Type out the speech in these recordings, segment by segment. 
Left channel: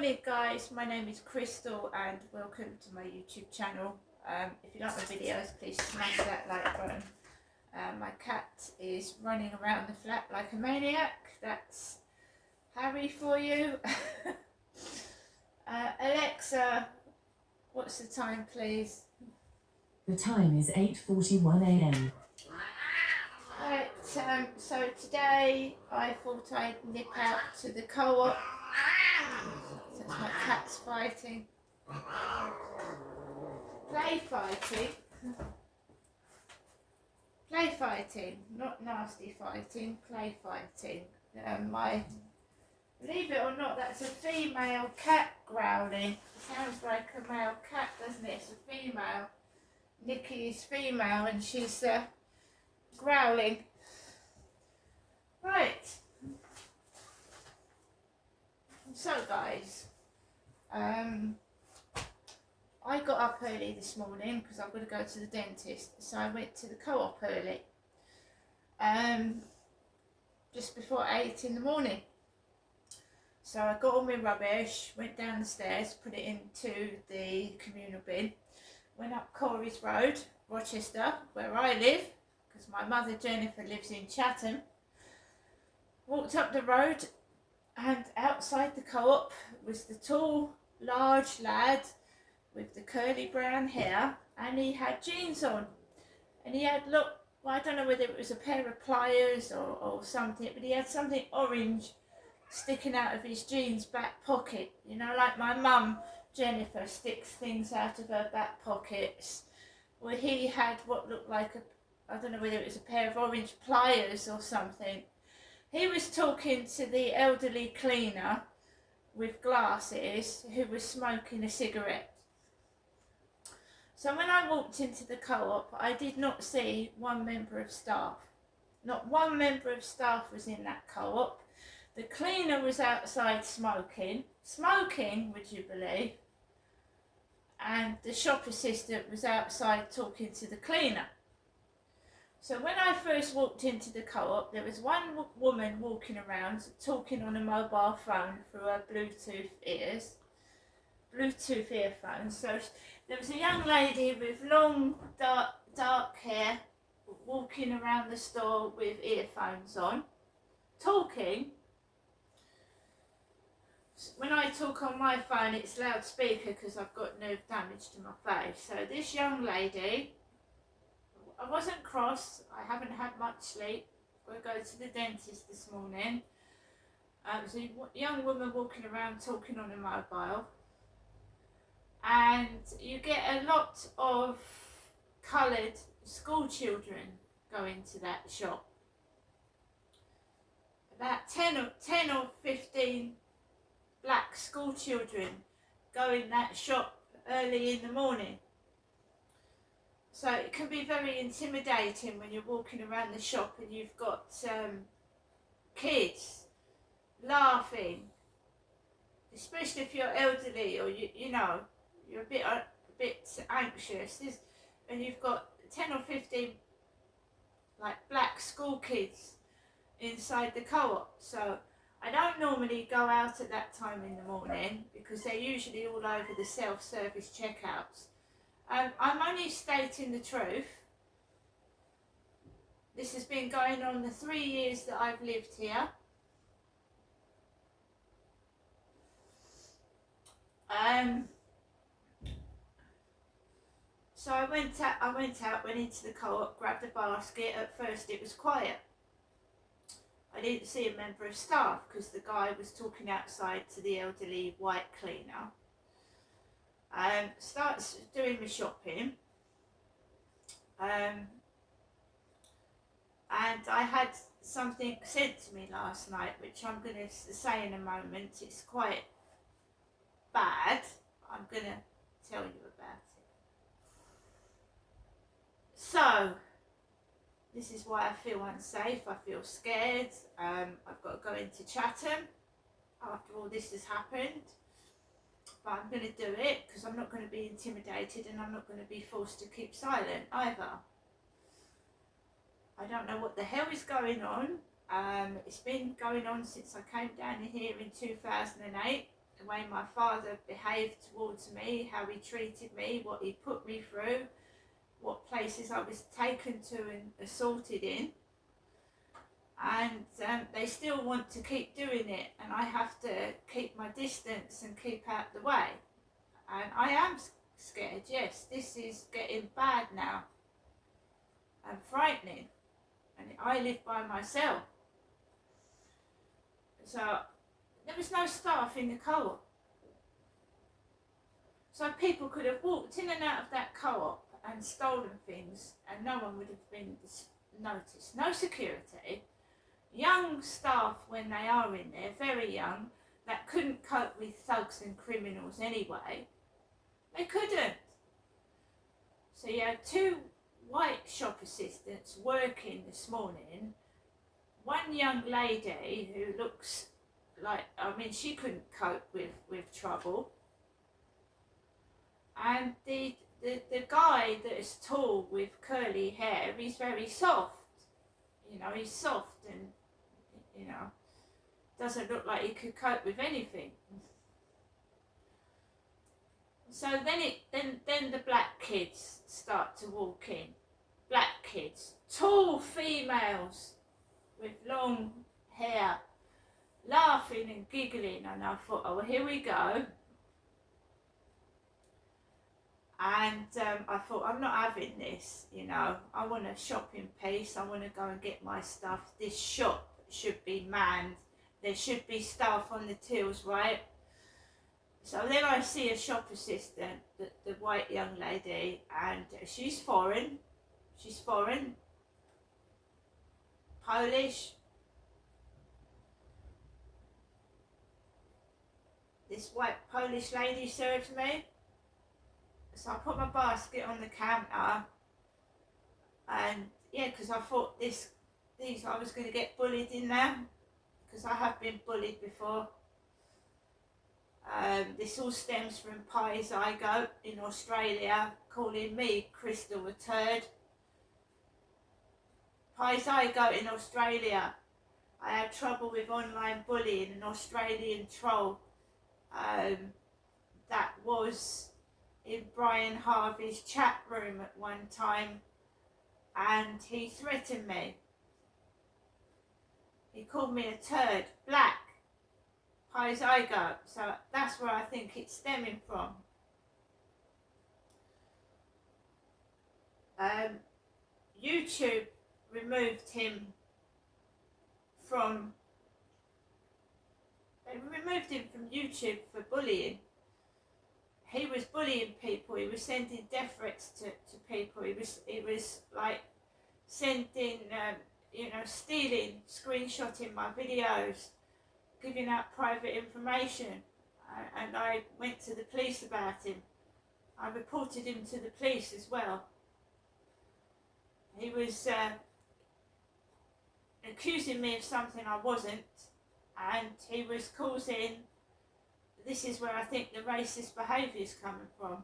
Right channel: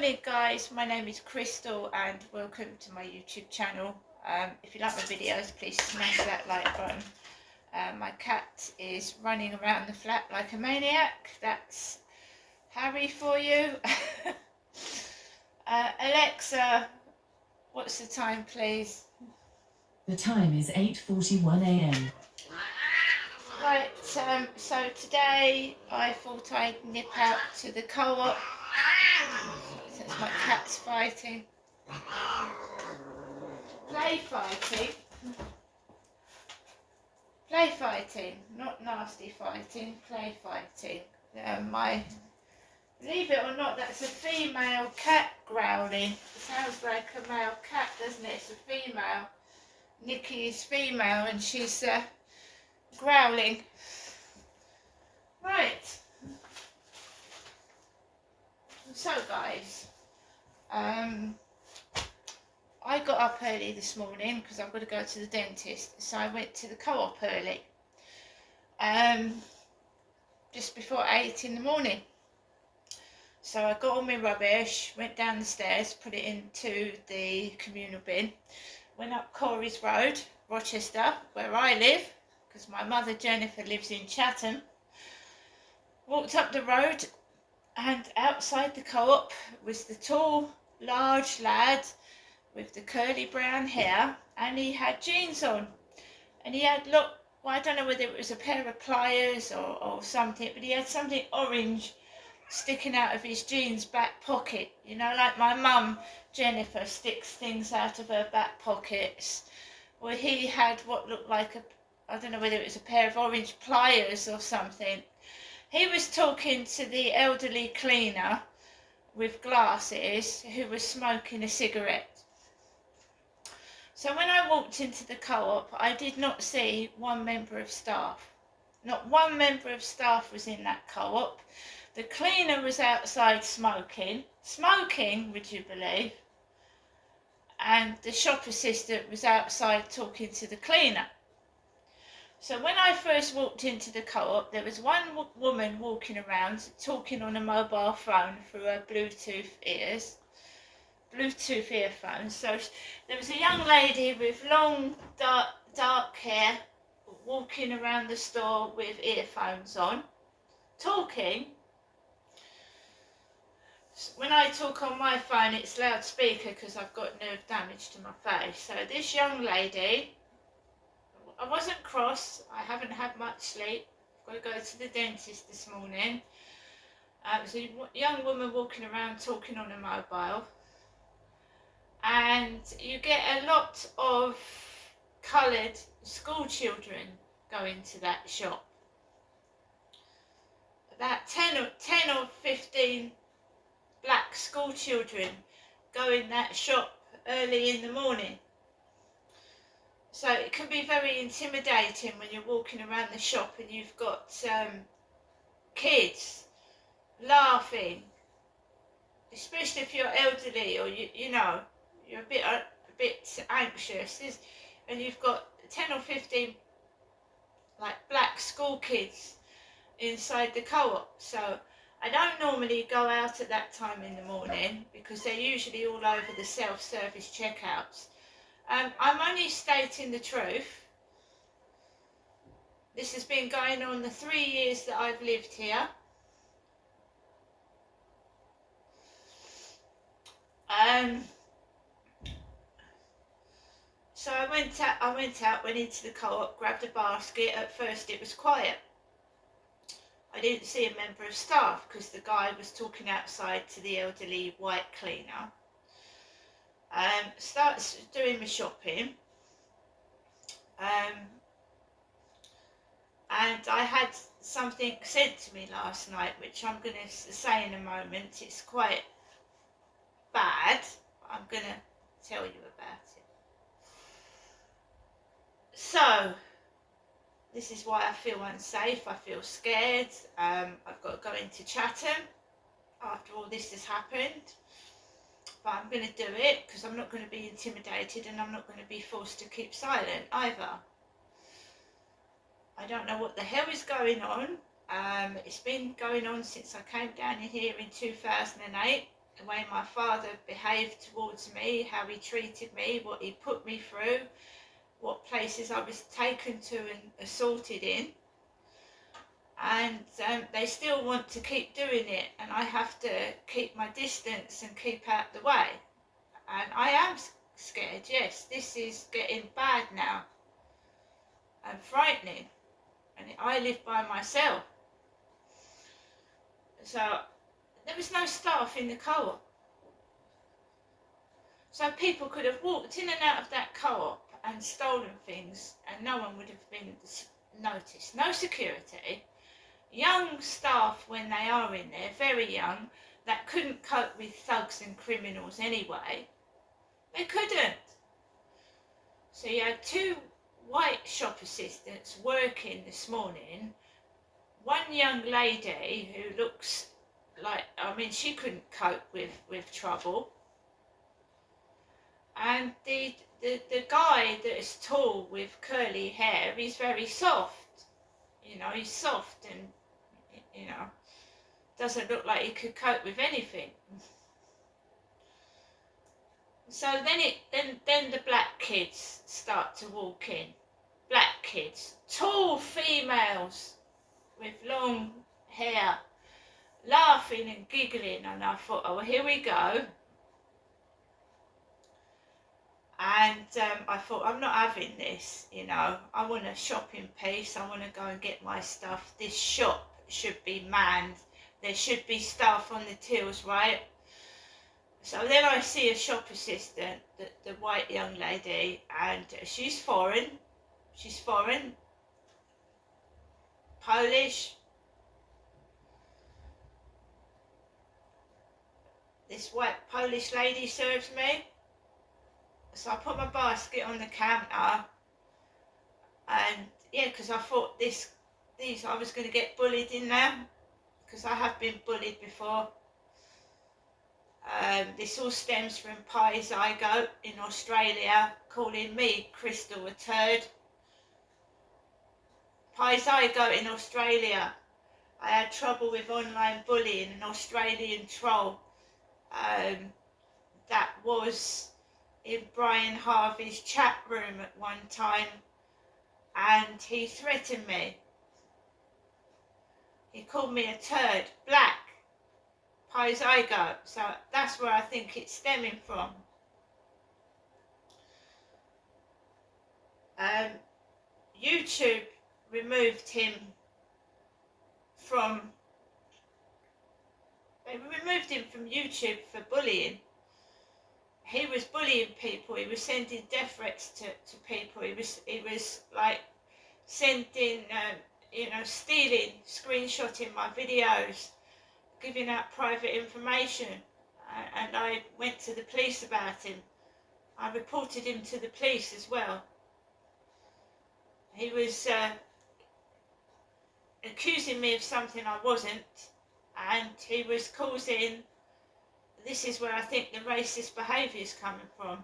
Morning guys, my name is Crystal and welcome to my YouTube channel. If you like my videos, please smash that like button. My cat is running around the flat like a maniac. That's Harry for you. Alexa, what's the time please? The time is 8:41 a.m. Right, so today I thought I'd nip out to the co-op. Since my cat's fighting. Play fighting, not nasty fighting, play fighting. Believe it or not, that's a female cat growling. It sounds like a male cat, doesn't it? It's a female. Nikki is female and she's growling. Right. So guys, I got up early this morning because I've got to go to the dentist, so I went to the co-op early, just before 8 in the morning. So I got all my rubbish, went down the stairs, put it into the communal bin, went up Corey's Road, Rochester, where I live, because my mother Jennifer lives in Chatham, walked up the road, and outside the co-op was the tall, large lad with the curly brown hair, and he had jeans on, and he had, well, I don't know whether it was a pair of pliers or something, but he had something orange sticking out of his jeans back pocket, you know, like my mum Jennifer sticks things out of her back pockets. Well, he had what looked like I don't know whether it was a pair of orange pliers or something. He was talking to the elderly cleaner with glasses who was smoking a cigarette. So when I walked into the co-op, I did not see one member of staff. Not one member of staff was in that co-op. The cleaner was outside smoking, would you believe? And the shop assistant was outside talking to the cleaner. So when I first walked into the co-op, there was one woman walking around talking on a mobile phone through her Bluetooth earphones. So there was a young lady with long dark hair walking around the store with earphones on, talking. When I talk on my phone, it's loudspeaker because I've got nerve damage to my face. So this young lady, I wasn't cross, I haven't had much sleep, I've got to go to the dentist this morning. There's a young woman walking around talking on a mobile, and you get a lot of coloured school children going to that shop. About 10 or 15 black school children go in that shop early in the morning. So it can be very intimidating when you're walking around the shop and you've got kids laughing, especially if you're elderly or you know you're a bit anxious, and you've got 10 or 15 like black school kids inside the co-op. So I don't normally go out at that time in the morning because they're usually all over the self-service checkouts. I'm only stating the truth. This has been going on the 3 years that I've lived here. So I went into the co-op, grabbed a basket. At first it was quiet. I didn't see a member of staff because the guy was talking outside to the elderly white cleaner. Starts doing my shopping. And I had something said to me last night, which I'm going to say in a moment. It's quite bad. I'm going to tell you about it. So, this is why I feel unsafe, I feel scared. I've got to go into Chatham after all this has happened. But I'm going to do it because I'm not going to be intimidated and I'm not going to be forced to keep silent either. I don't know what the hell is going on. It's been going on since I came down here in 2008. the way my father behaved towards me, how he treated me, what he put me through, what places I was taken to and assaulted in. And they still want to keep doing it, and I have to keep my distance and keep out the way. And I am scared, yes, this is getting bad now and frightening, and I live by myself. So there was no staff in the co-op. So people could have walked in and out of that co-op and stolen things and no one would have been noticed. No security. Young staff when they are in there, very young, that couldn't cope with thugs and criminals anyway. They couldn't. So you had two white shop assistants working this morning. One young lady who looks like, I mean, she couldn't cope with trouble. And the guy that is tall with curly hair, he's very soft. You know, he's soft and, you know, doesn't look like he could cope with anything. So then the black kids start to walk in. Black kids, tall females with long hair, laughing and giggling, and I thought, oh, here we go. And I thought, I'm not having this, you know. I want to shop in peace. I want to go and get my stuff. This shop should be manned. There should be staff on the tills, right? So then I see a shop assistant, the white young lady, and she's foreign. She's foreign. Polish. This white Polish lady serves me. So I put my basket on the counter, and yeah, because I thought these I was going to get bullied in there, because I have been bullied before. This all stems from Pi Zygote in Australia calling me, Crystal, a turd. Pi Zygote in Australia. I had trouble with online bullying, an Australian troll that was in Brian Harvey's chat room at one time, and he threatened me. He called me a turd, black, Pi Zygote, so that's where I think it's stemming from. YouTube removed him from, they removed him from YouTube for bullying. He was bullying people. He was sending death threats to people. He was like sending, you know, stealing, screenshotting my videos, giving out private information. And I went to the police about him. I reported him to the police as well. He was accusing me of something I wasn't, and he was causing. This is where I think the racist behaviour is coming from.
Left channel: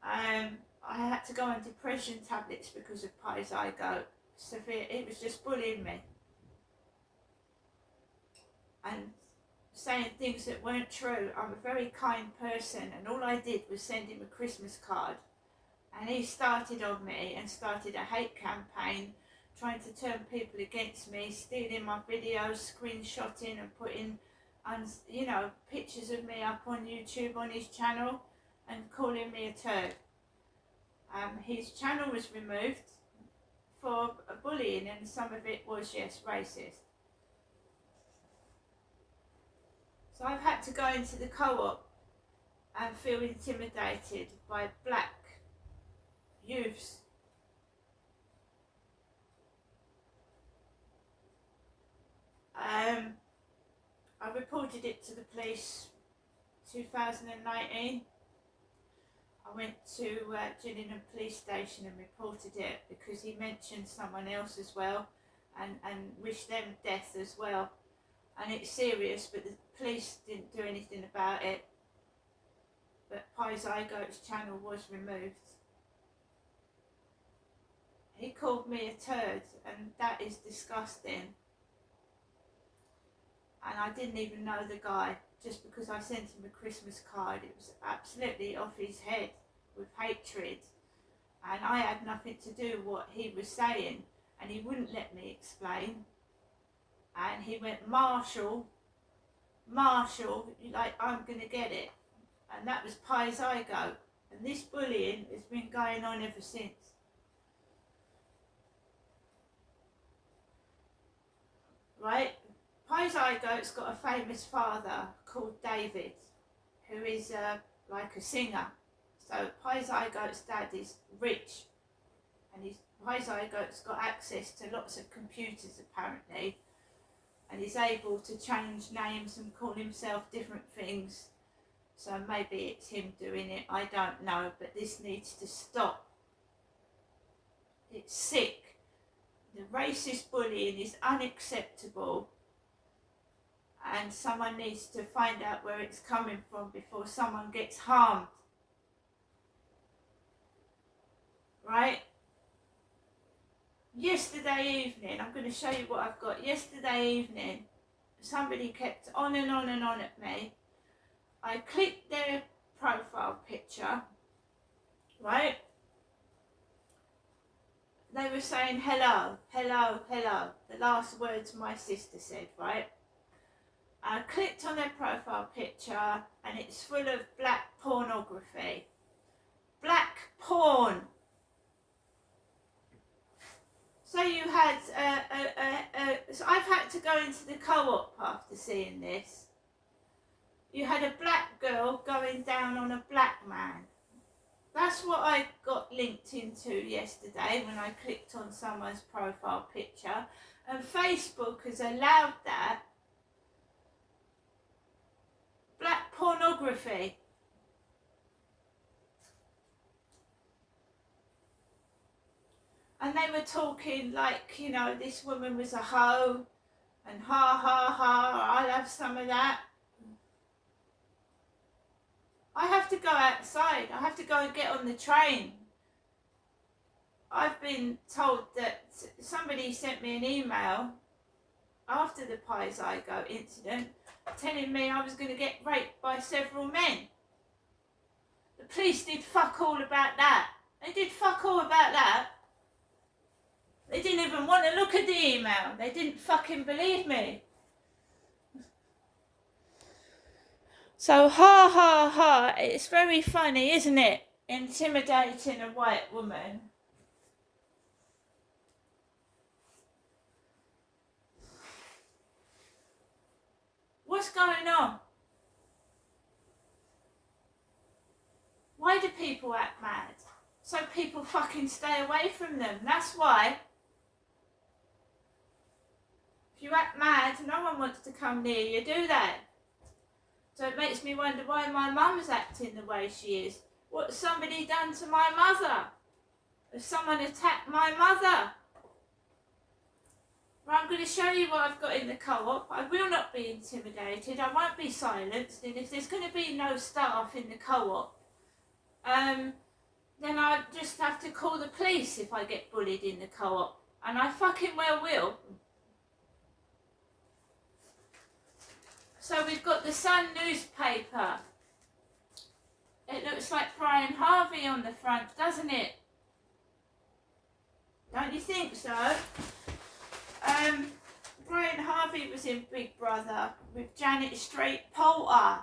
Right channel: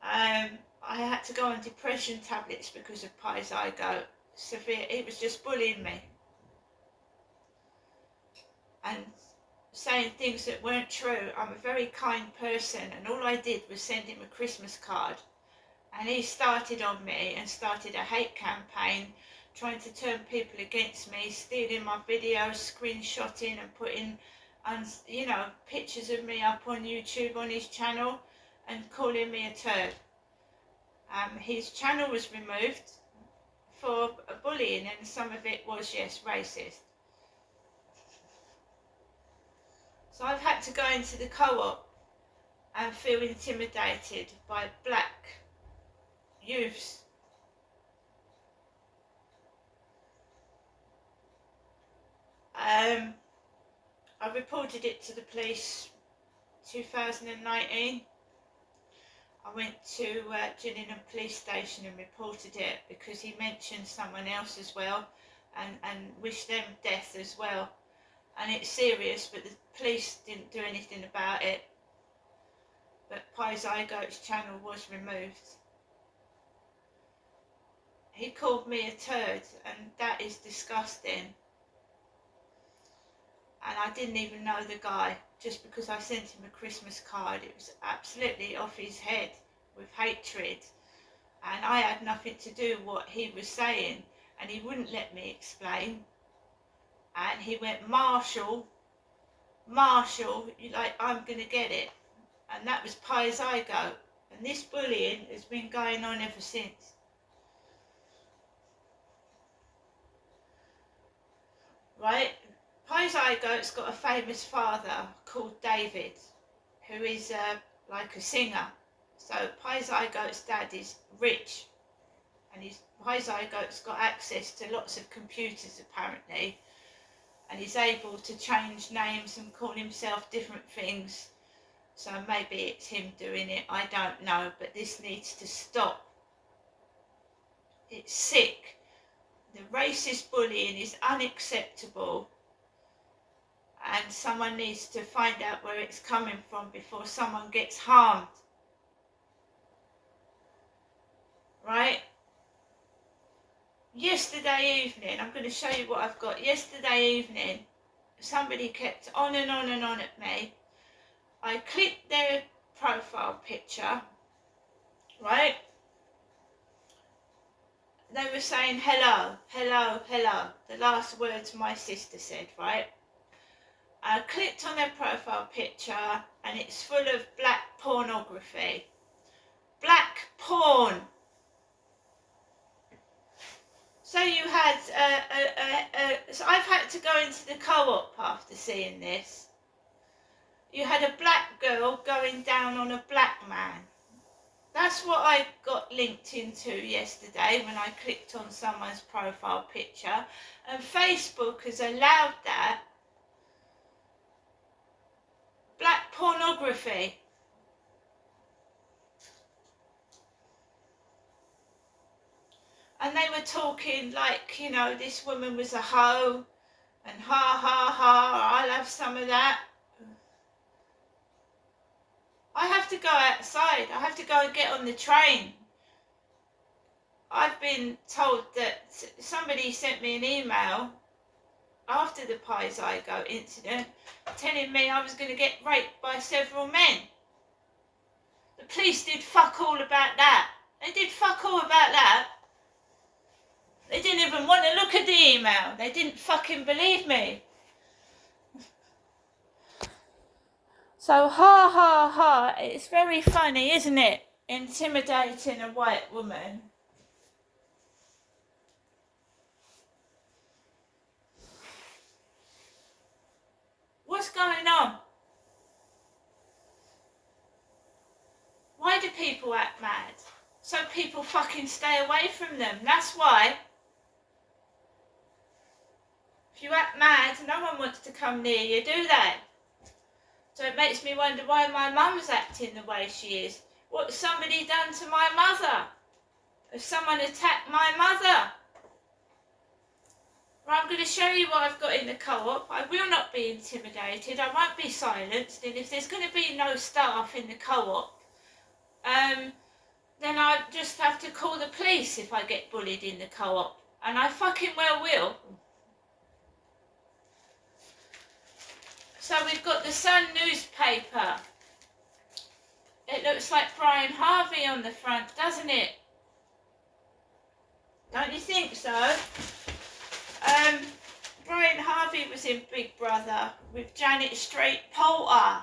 I had to go on depression tablets because of Pi Zygote. Severe. He was just bullying me and saying things that weren't true. I'm a very kind person, and all I did was send him a Christmas card, and he started on me and started a hate campaign, trying to turn people against me, stealing my videos, screenshotting and putting, you know, pictures of me up on YouTube on his channel and calling me a turd. His channel was removed for bullying, and some of it was, yes, racist. So I've had to go into the co-op and feel intimidated by black youths. I reported it to the police 2019. I went to Gillingham Police Station and reported it because he mentioned someone else as well and wished them death as well. And it's serious, but the police didn't do anything about it. But Pi Zygote's channel was removed. He called me a turd, and that is disgusting. and I didn't even know the guy. Just because I sent him a Christmas card, it was absolutely off his head with hatred, and I had nothing to do with what he was saying, and he wouldn't let me explain. And he went, Marshall, like, I'm gonna get it. And that was Pi Zygote. And this bullying has been going on ever since. Right? Pi Zygote's got a famous father called David, who is like a singer. So Pi Zygote's dad is rich, and Pi Zygote's got access to lots of computers apparently, and he's able to change names and call himself different things. So maybe it's him doing it, I don't know, but this needs to stop. It's sick. The racist bullying is unacceptable, and someone needs to find out where it's coming from before someone gets harmed. Right? Yesterday evening, I'm going to show you what I've got. Yesterday evening, somebody kept on and on and on at me. I clicked their profile picture, right? They were saying hello, hello, hello. The last words my sister said, right? I clicked on their profile picture and it's full of black pornography. Black porn. So you had, so I've had to go into the co-op after seeing this. You had a black girl going down on a black man. That's what I got linked into yesterday when I clicked on someone's profile picture. And Facebook has allowed that. Black pornography. And they were talking like, you know, this woman was a hoe, and ha ha ha, I'll have some of that. I have to go outside. I have to go and get on the train. I've been told that somebody sent me an email after the Pi Zygote incident telling me I was going to get raped by several men. The police did fuck all about that. They did fuck all about that. They didn't even want to look at the email. They didn't fucking believe me. So ha ha ha, it's very funny, isn't it? Intimidating a white woman. What's going on? Why do people act mad? So people fucking stay away from them. That's why. If you act mad, no one wants to come near you, do they? So it makes me wonder why my mum's acting the way she is. What's somebody done to my mother? Has someone attacked my mother? Well, I'm going to show you what I've got in the co-op. I will not be intimidated. I won't be silenced. And if there's going to be no staff in the co-op, then I just have to call the police if I get bullied in the co-op. And I fucking well will. So we've got the Sun newspaper. It looks like Brian Harvey on the front, doesn't it? Don't you think so? Brian Harvey was in Big Brother with Janet Street-Poulter.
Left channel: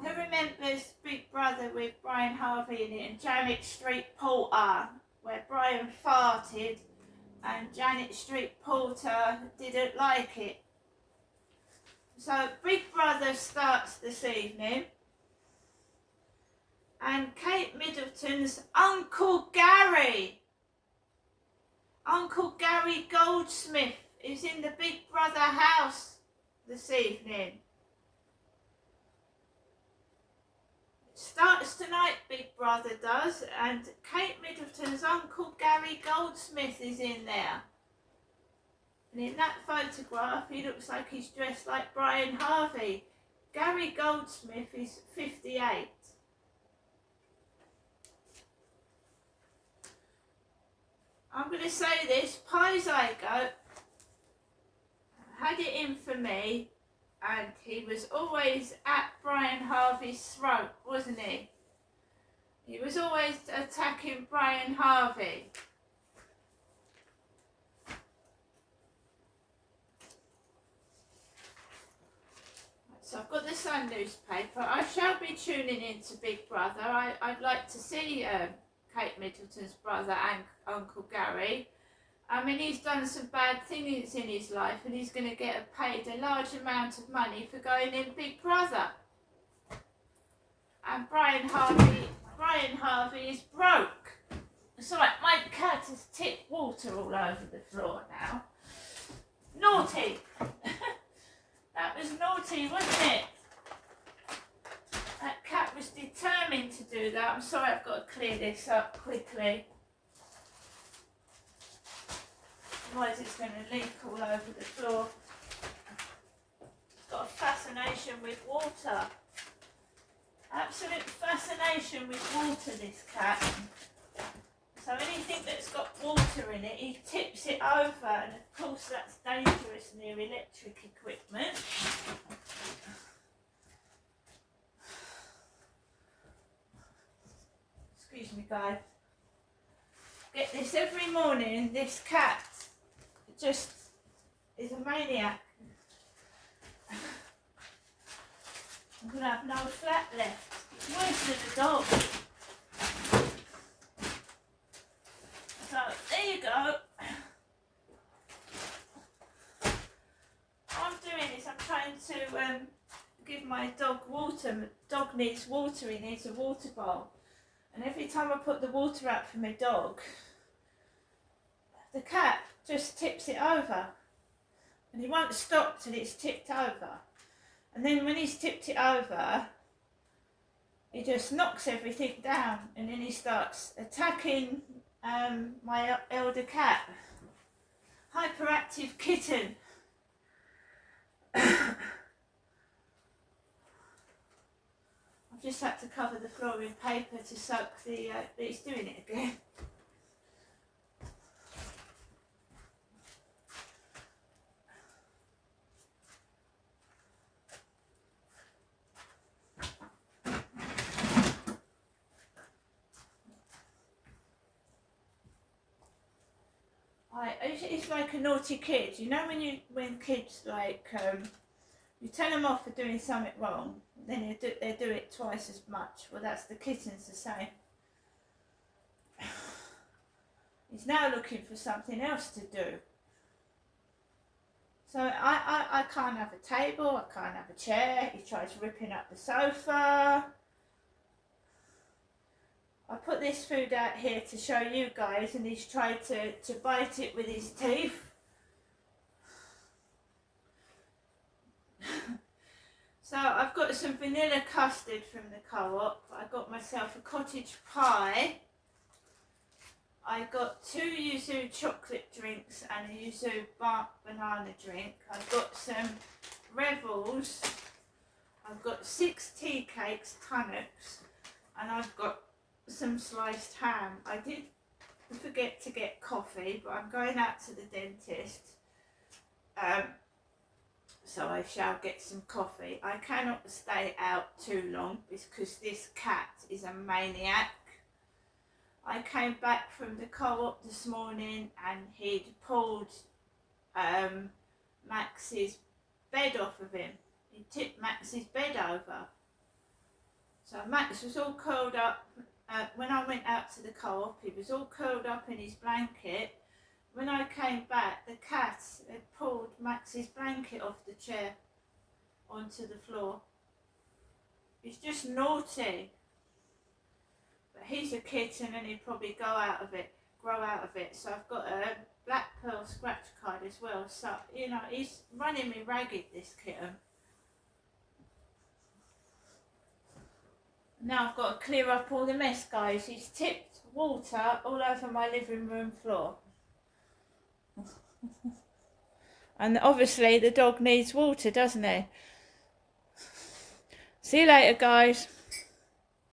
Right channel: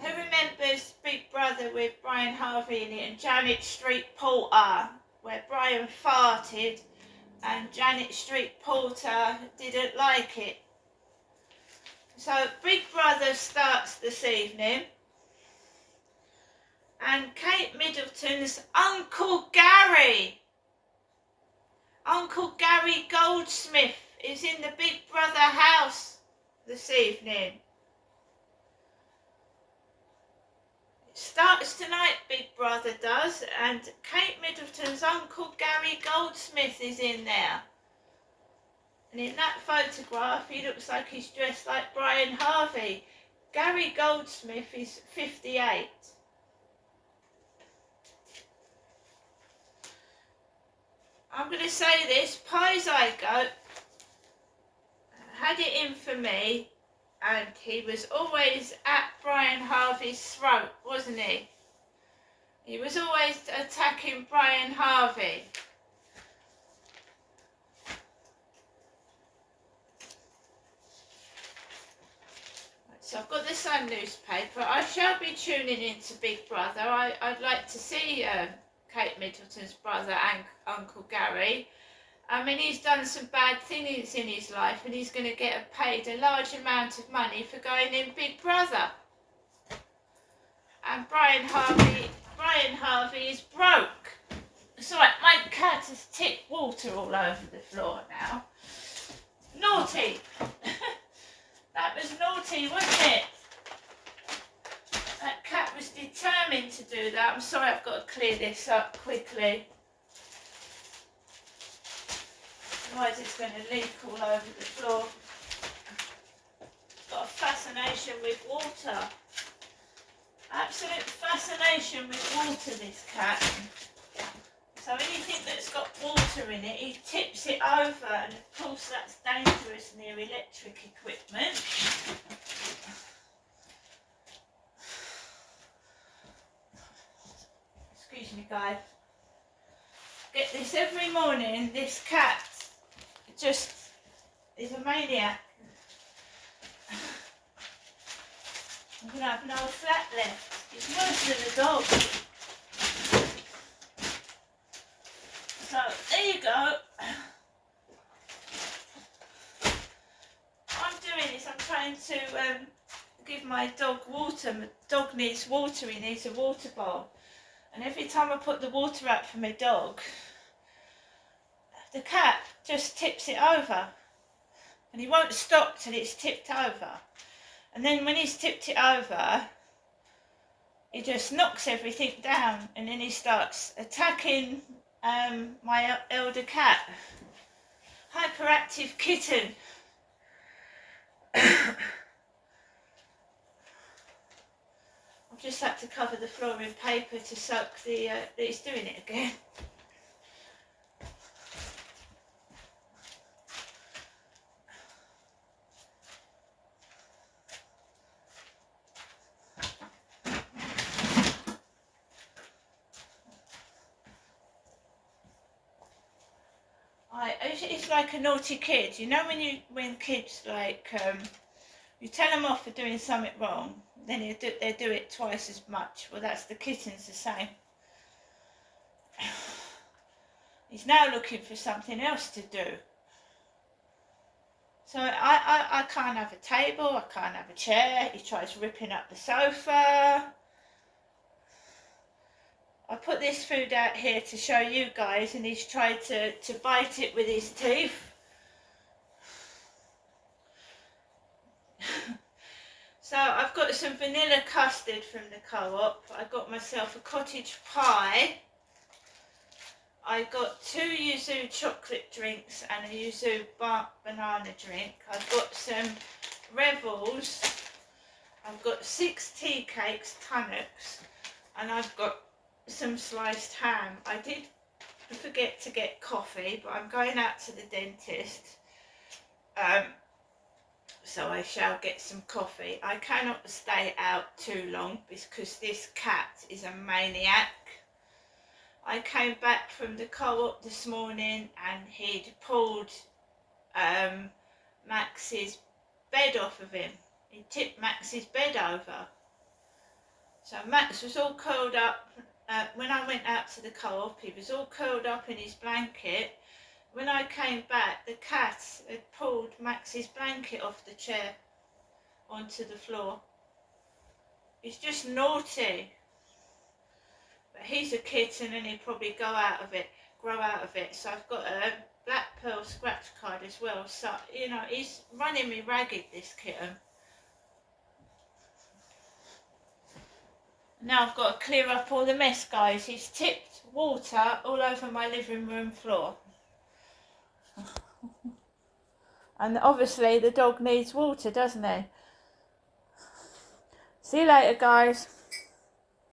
Who remembers Big Brother with Brian Harvey in it and Janet Street-Poulter, where Brian farted and Janet Street-Poulter didn't like it? So Big Brother starts this evening, and Kate Middleton's Uncle Gary Goldsmith is in the Big Brother house this evening. It starts tonight, Big Brother does, and Kate Middleton's Uncle Gary Goldsmith is in there. And in that photograph, he looks like he's dressed like Brian Harvey. Gary Goldsmith is 58. I'm going to say this, Pi Zygote had it in for me, and he was always at Brian Harvey's throat, wasn't he? He was always attacking Brian Harvey. So I've got the Sun newspaper. I shall be tuning into Big Brother. I'd like to see Kate Middleton's brother and Uncle Gary. I mean, he's done some bad things in his life, and he's going to get paid a large amount of money for going in Big Brother. And Brian Harvey is broke. It's like my cat has tipped water all over the floor now. Naughty. That was naughty, wasn't it? That cat was determined to do that. I'm sorry, I've got to clear this up quickly. Otherwise it's going to leak all over the floor. Got a fascination with water. Absolute fascination with water, this cat. So anything that's got water in it, he tips it over, and of course that's dangerous near electric equipment. Excuse me, guys. Get this every morning. This cat just is a maniac. I'm going to have no flat left. It's worse than a dog. So, there you go. What I'm doing is I'm trying to give my dog water. My dog needs water, he needs a water bowl. And every time I put the water out for my dog, the cat just tips it over. And he won't stop till it's tipped over. And then when he's tipped it over, he just knocks everything down, and then he starts attacking my elder cat. Hyperactive kitten. I've just had to cover the floor in paper to soak that he's doing it again. It's like a naughty kid. You know when kids like you tell them off for doing something wrong, then they do it twice as much. Well, that's the kitten's the same. He's now looking for something else to do. So I can't have a table, I can't have a chair. He tries ripping up the sofa. I put this food out here to show you guys, and he's tried to bite it with his teeth. So I've got some vanilla custard from the Co-op. I got myself a cottage pie. I got 2 yuzu chocolate drinks and a yuzu banana drink. I've got some Revels. I've got 6 tea cakes, Tunnocks, and I've got some sliced ham. I did forget to get coffee, but I'm going out to the dentist, so I shall get some coffee. I cannot stay out too long because this cat is a maniac. I came back from the Co-op this morning and he'd pulled Max's bed off of him. He tipped Max's bed over. So Max was all curled up. When I went out to the Co-op, he was all curled up in his blanket. When I came back, the cat had pulled Max's blanket off the chair onto the floor. He's just naughty. But he's a kitten and he'll probably grow out of it. So I've got a Black Pearl scratch card as well. So, you know, he's running me ragged, this kitten. Now I've got to clear up all the mess, guys. He's tipped water all over my living room floor. And obviously the dog needs water, doesn't he? See you later, guys.